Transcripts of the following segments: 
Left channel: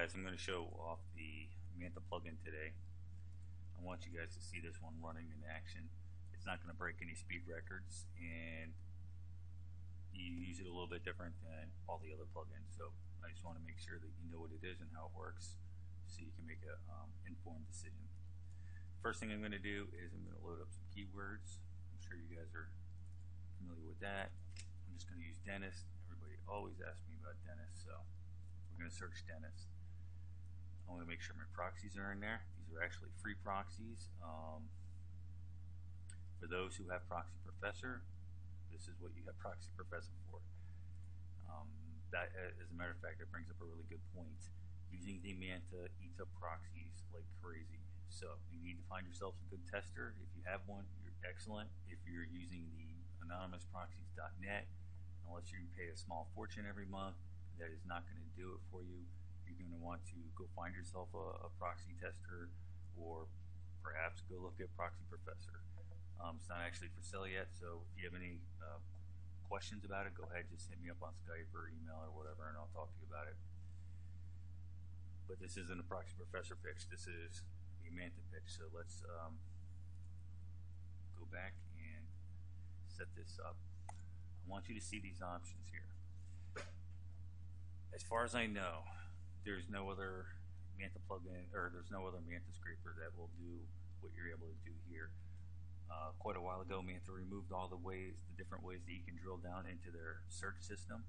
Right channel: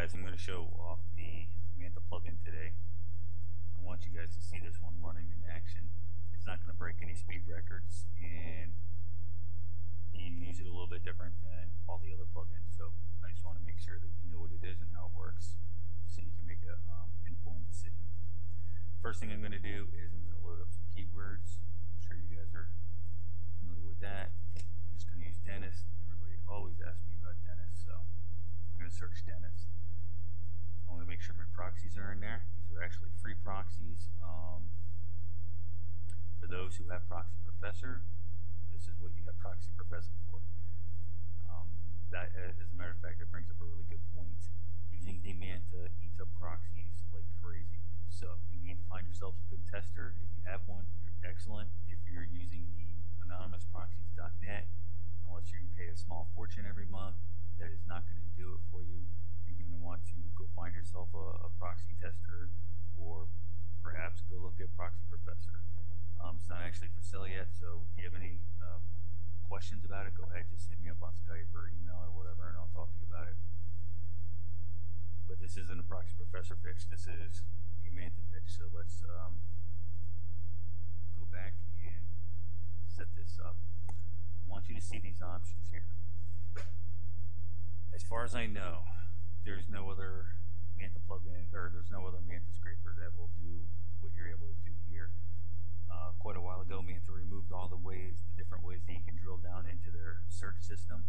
guys, I'm going to show off the Manta plugin today. I want you guys to see this one running in action. It's not going to break any speed records, and you use it a little bit different than all the other plugins. So I just want to make sure that you know what it is and how it works, so you can make an informed decision. First thing I'm going to do is I'm going to load up some keywords. I'm sure you guys are familiar with that. I'm just going to use dentist. Everybody always asks me about dentist, so we're going to search dentist. I want to make sure my proxies are in there. These are actually free proxies. For those who have Proxy Professor, this is what you have Proxy Professor for. That, as a matter of fact, that brings up a really good point. Using the Manta eats up proxies like crazy. So you need to find yourself a good tester. If you have one, you're excellent. If you're using the anonymousproxies.net, unless you pay a small fortune every month, that is not going to do it for you. You're going to want to go find yourself a proxy tester, or perhaps go look at Proxy Professor. It's not actually for sale yet, so if you have any questions about it, go ahead, just hit me up on Skype or email or whatever, and I'll talk to you about it. But this isn't a Proxy Professor pitch, this is the Manta pitch. So let's go back and set this up. I want you to see these options here. As far as I know, there's no other Manta plugin, or there's no other Manta scraper that will do what you're able to do here. Quite a while ago, Manta removed all the different ways that you can drill down into their search system.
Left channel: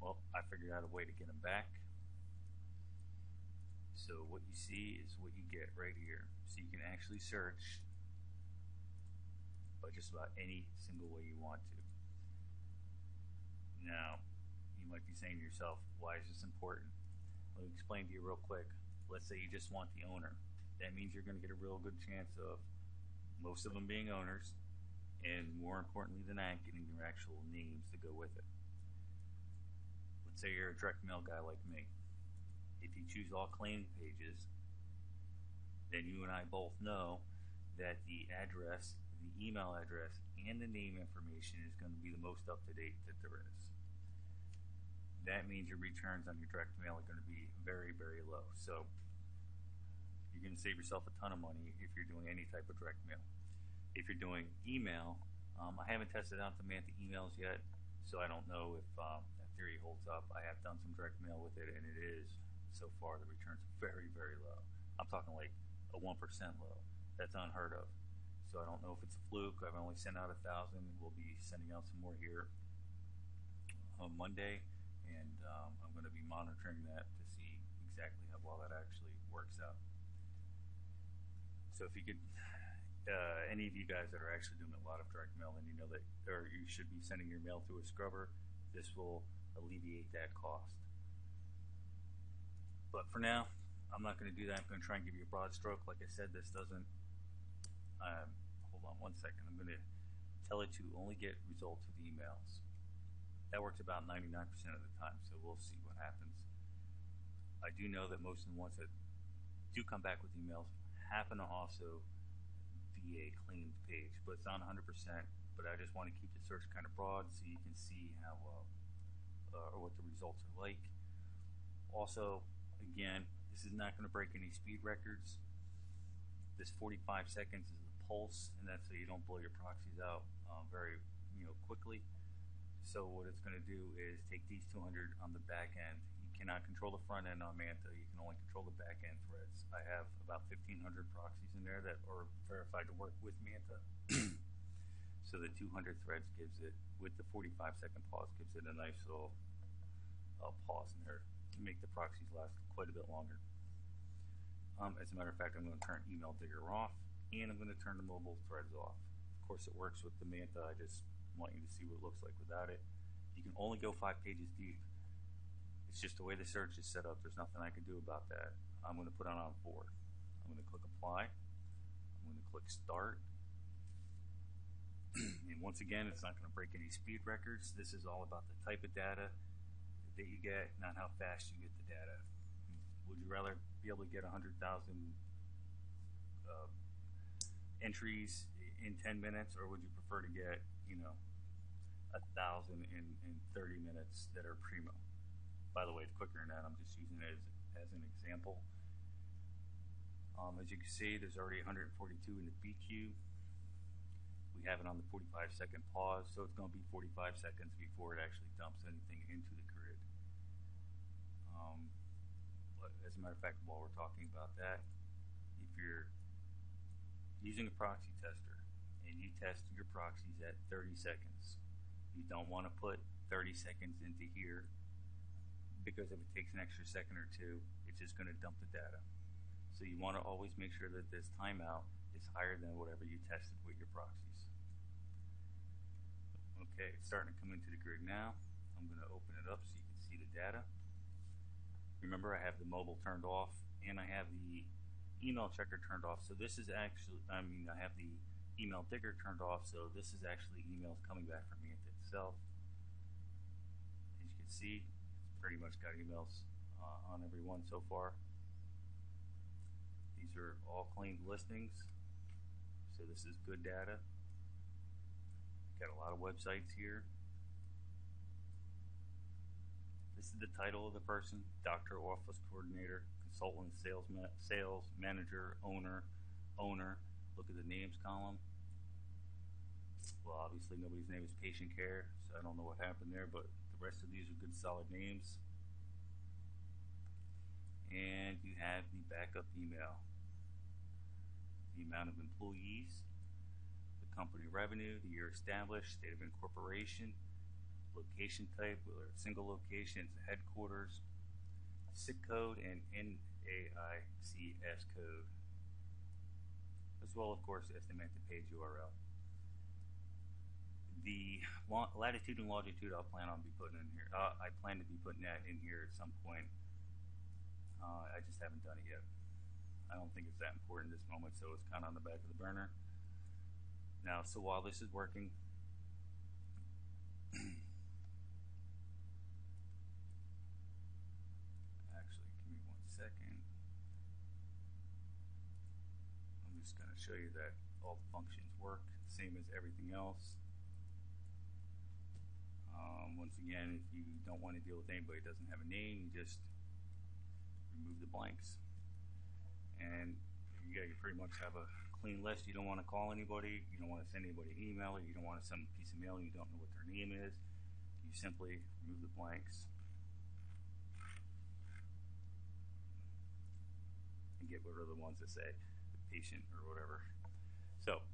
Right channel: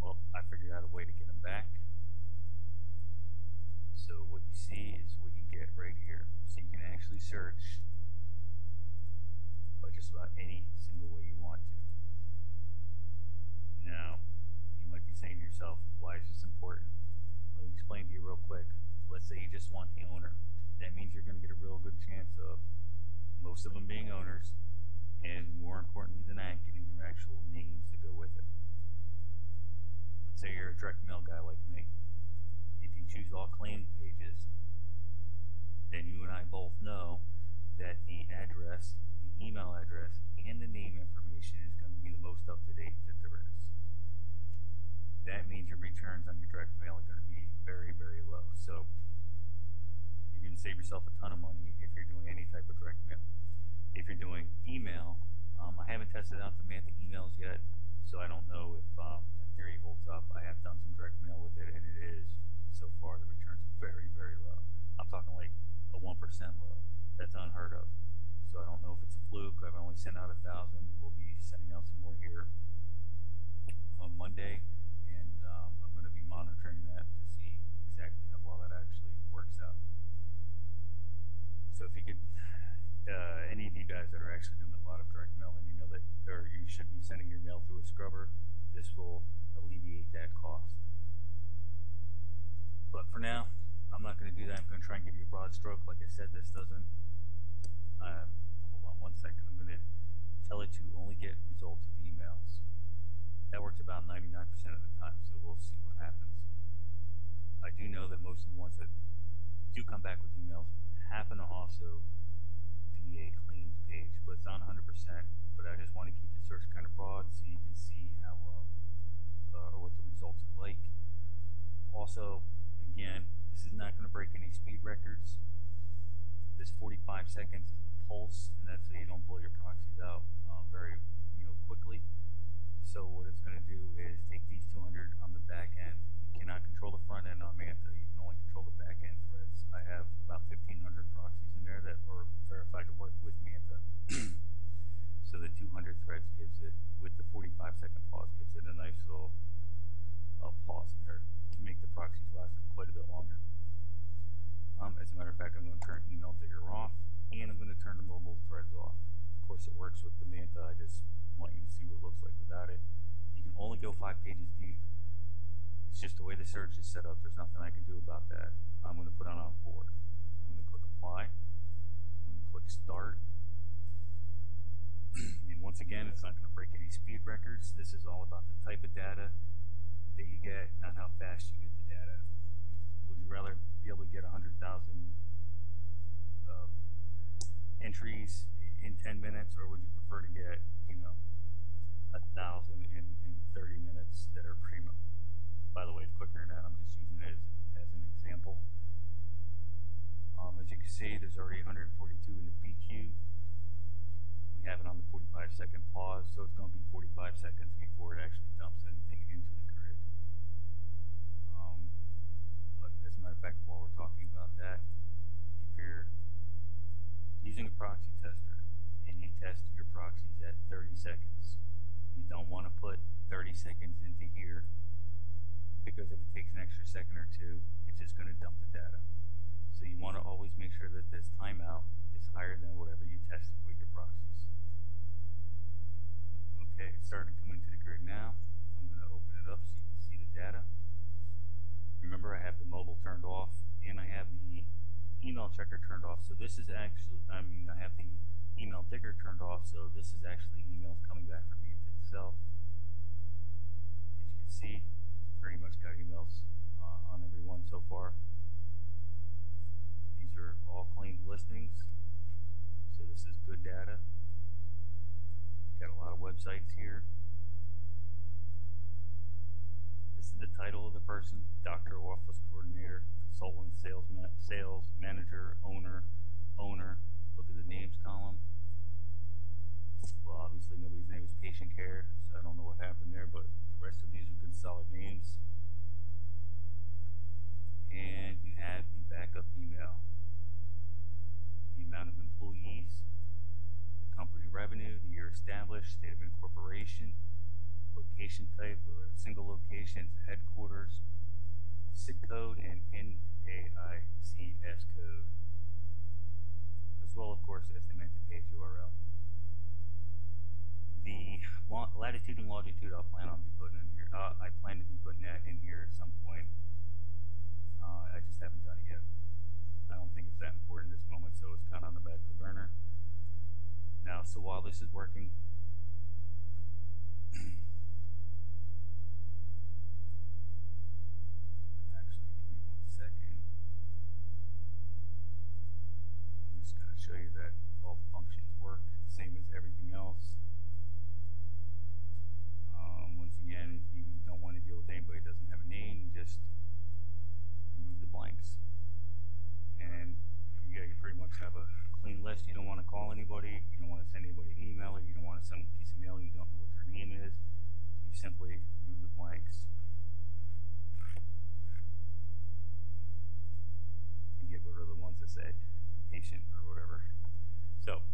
Well, I figured out a way to get them back. So what you see is what you get right here. So you can actually search by just about any single way you want to. Now, you might be saying to yourself, why is this important? Let me explain to you real quick. Let's say you just want the owner. That means you're going to get a real good chance of most of them being owners, and more importantly than that, getting their actual names to go with it. Let's say you're a direct mail guy like me. If you choose all claim pages, then you and I both know that the address, the email address, and the name information is going to be the most up-to-date that there is. That means your returns on your direct mail are going to be very, very low. So you're going to save yourself a ton of money if you're doing any type of direct mail. If you're doing email, I haven't tested out the Manta emails yet, so I don't know if that theory holds up. I have done some direct mail with it, and it is, so far, the returns are very, very low. I'm talking like a 1% low. That's unheard of. So I don't know if it's a fluke. I've only sent out 1,000. We'll be sending out some more here on Monday, and I'm going to be monitoring that to see exactly how well that actually works out. So if you could, any of you guys that are actually doing a lot of direct mail, then you know that, or you should be sending your mail through a scrubber. This will alleviate that cost. But for now, I'm not going to do that. I'm going to try and give you a broad stroke. Like I said, this doesn't, hold on one second. I'm going to tell it to only get results with emails. That works about 99% of the time, so we'll see what happens. I do know that most of the ones that do come back with emails happen to also be a claimed page, but it's not 100%. But I just want to keep the search kind of broad so you can see how or what the results are like. Also, again, this is not going to break any speed records. This 45 seconds is the pulse, and that's so you don't blow your proxies out very quickly. So what it's going to do is take these 200 on the back end. You cannot control the front end on Manta. You can only control the back end threads. I have about 1,500 proxies in there that are verified to work with Manta. So the 200 threads gives it, with the 45-second pause, gives it a nice little pause in there to make the proxies last quite a bit longer. As a matter of fact, I'm going to turn Email Digger off, and I'm going to turn the mobile threads off. Of course, it works with the Manta. I just want you to see what it looks like without it. You can only go 5 pages deep. It's just the way the search is set up. There's nothing I can do about that. I'm going to put on 4. I'm going to click Apply. I'm going to click Start. And once again, it's not going to break any speed records. This is all about the type of data that you get, not how fast you get the data. Would you rather be able to get 100,000 entries in 10 minutes, or would you prefer to get 1,000 in 30 minutes that are primo? By the way, it's quicker than that. I'm just using it as an example. already 142 in the BQ. We have it on the 45-second pause, so it's going to be 45 seconds before it actually dumps anything into the grid. But as a matter of fact, while we're talking about that, if you're using a proxy tester and you test your proxies at 30 seconds, you don't want to put 30 seconds into here, because if it takes an extra second or two, it's just going to dump the data. So you want to always make sure that this timeout is higher than whatever you tested with your proxies. Okay, it's starting to come into the grid now. I'm going to open it up so you can see the data. Remember, I have the mobile turned off and I have the email checker turned off. So this is actually, I have the email digger turned off, so this is actually emails coming back from Manta itself. As you can see, it's pretty much got emails on every one so far. These are all claimed listings, so this is good data. Got a lot of websites here. This is the title of the person: doctor, office coordinator, consultant, sales manager, owner. Look at the names column. Well, obviously nobody's name is patient care, so I don't know what happened there, but the rest of these are good solid names. And you have the backup email, the amount of employees, the company revenue, the year established, state of incorporation, location type, whether it's single locations, headquarters, SIC code, and NAICS code, as well, of course, as the Manta page URL. The latitude and longitude I'll plan on be putting in here. I plan to be putting that in here at some point. I just haven't done it yet. I don't think it's that important at this moment, so it's kind of on the back of the burner. Now, so while this is working, actually, give me 1 second. I'm just going to show you that all the functions work, same as everything else. Once again, if you don't want to deal with anybody that doesn't have a name, you just remove the blanks. And you pretty much have a clean list. You don't want to call anybody, you don't want to send anybody an email, you don't want to send a piece of mail and you don't know what their name is. You simply remove the blanks and get rid of the ones that say the patient or whatever. So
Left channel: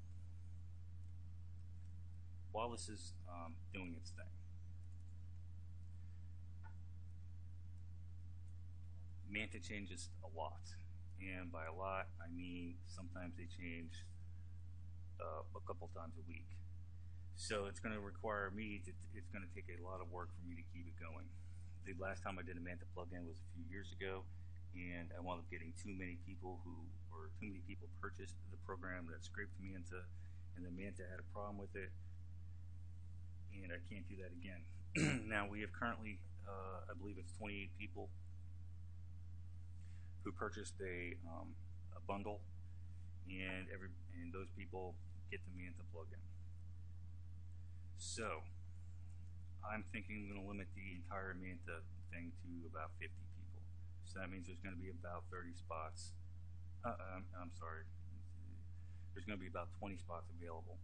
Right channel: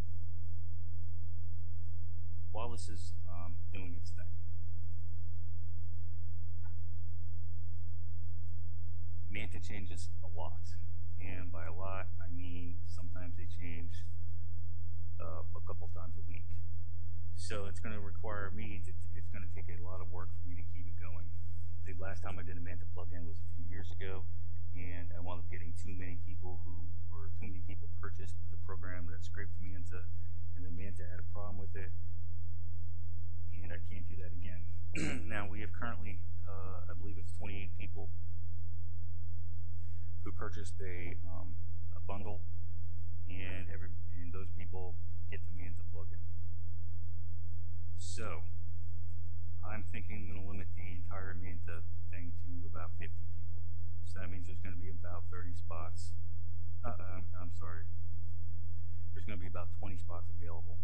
while this is doing its thing, Manta changes a lot, and by a lot I mean sometimes they change a couple times a week. So it's going to require me it's going to take a lot of work for me to keep it going. The last time I did a Manta plugin was a few years ago, and I wound up getting too many people purchased the program that scraped me into, and then Manta had a problem with it, and I can't do that again. Now we have currently, I believe it's 28 people who purchased a bundle, and those people get the Manta plugin. So I'm thinking I'm going to limit the entire Manta thing to about 50 people. So that means there's going to be about 30 spots. I'm sorry. There's going to be about 20 spots available.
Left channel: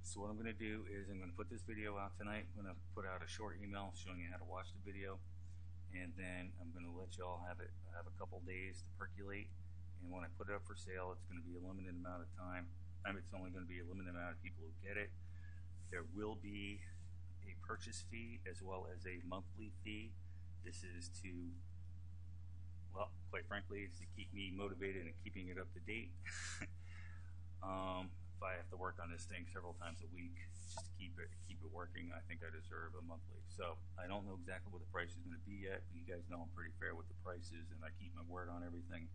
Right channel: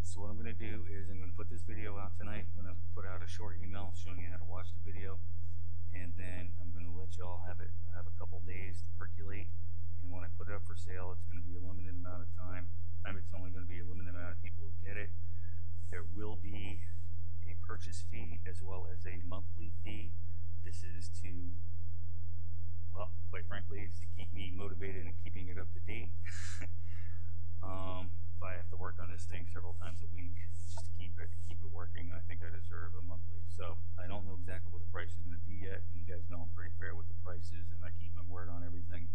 So what I'm going to do is I'm going to put this video out tonight. I'm going to put out a short email showing you how to watch the video. And then I'm going to let y'all have a couple days to percolate. And when I put it up for sale, it's going to be a limited amount of time. It's only going to be a limited amount of people who get it. There will be a purchase fee as well as a monthly fee. This is to, well, quite frankly, it's to keep me motivated and keeping it up to date. If I have to work on this thing several times a week just to keep it working, I think I deserve a monthly. So I don't know exactly what the price is going to be yet, but you guys know I'm pretty fair with the prices and I keep my word on everything.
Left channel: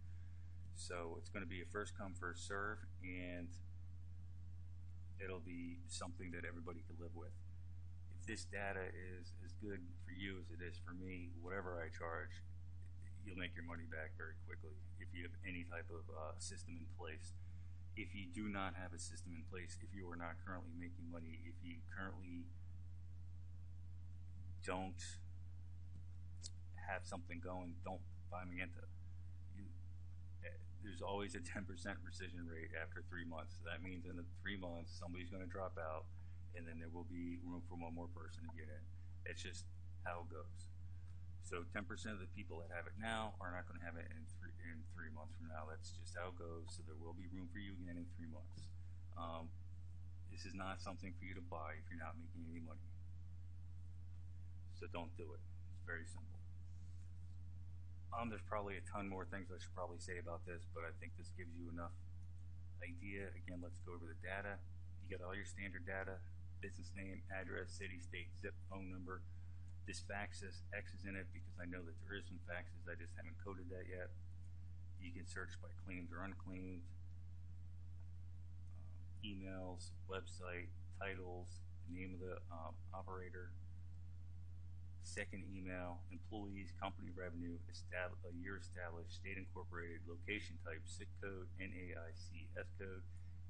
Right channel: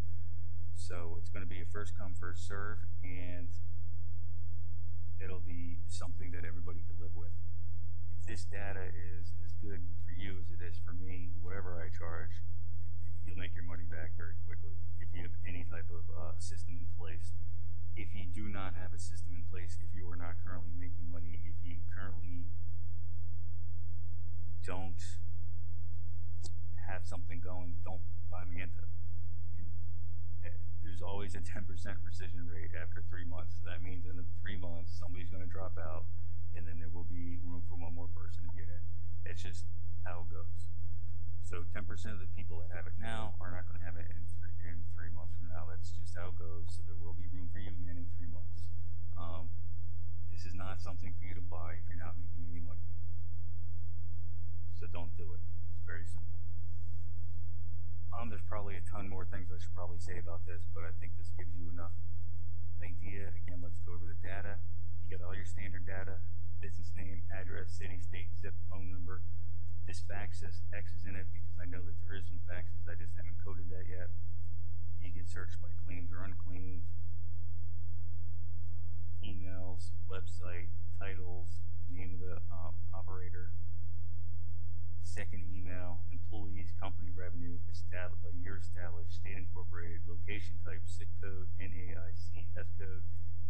So it's going to be a first come, first serve, and it'll be something that everybody can live with. If this data is as good for you as it is for me, whatever I charge, you'll make your money back very quickly if you have any type of system in place. If you do not have a system in place, if you are not currently making money, if you currently don't have something going, don't buy Manta. there's always a 10% rescission rate after 3 months. So that means in the 3 months, somebody's going to drop out, and then there will be room for one more person to get in. It's just how it goes. So 10% of the people that have it now are not going to have it in 3 months from now. That's just how it goes. So there will be room for you again in 3 months. This is not something for you to buy if you're not making any money. So don't do it. It's very simple. There's probably a ton more things I should probably say about this, but I think this gives you enough idea. Again, let's go over the data. You got all your standard data: business name, address, city, state, zip, phone number. This fax says X is in it because I know that there is some faxes. I just haven't coded that yet. You can search by claimed or unclaimed. Emails, website, titles, the name of the operator, second email, employees, company revenue, year established, state incorporated, location type, SIC code, NAIC, S code,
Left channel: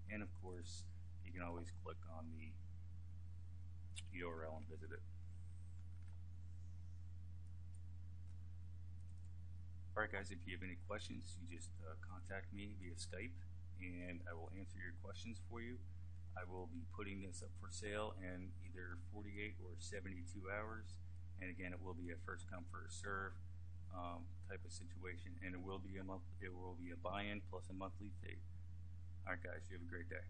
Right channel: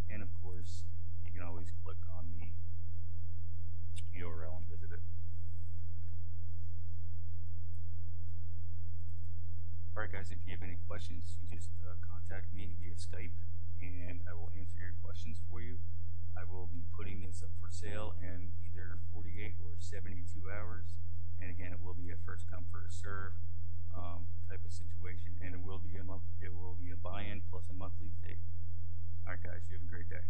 and of course, you can always click on the URL and visit it. Alright guys, if you have any questions, you just contact me via Skype and I will answer your questions for you. I will be putting this up for sale in either 48 or 72 hours. And again, it will be a first come first serve type of situation, and it will be a buy-in plus a monthly fee. All right, guys, you have a great day.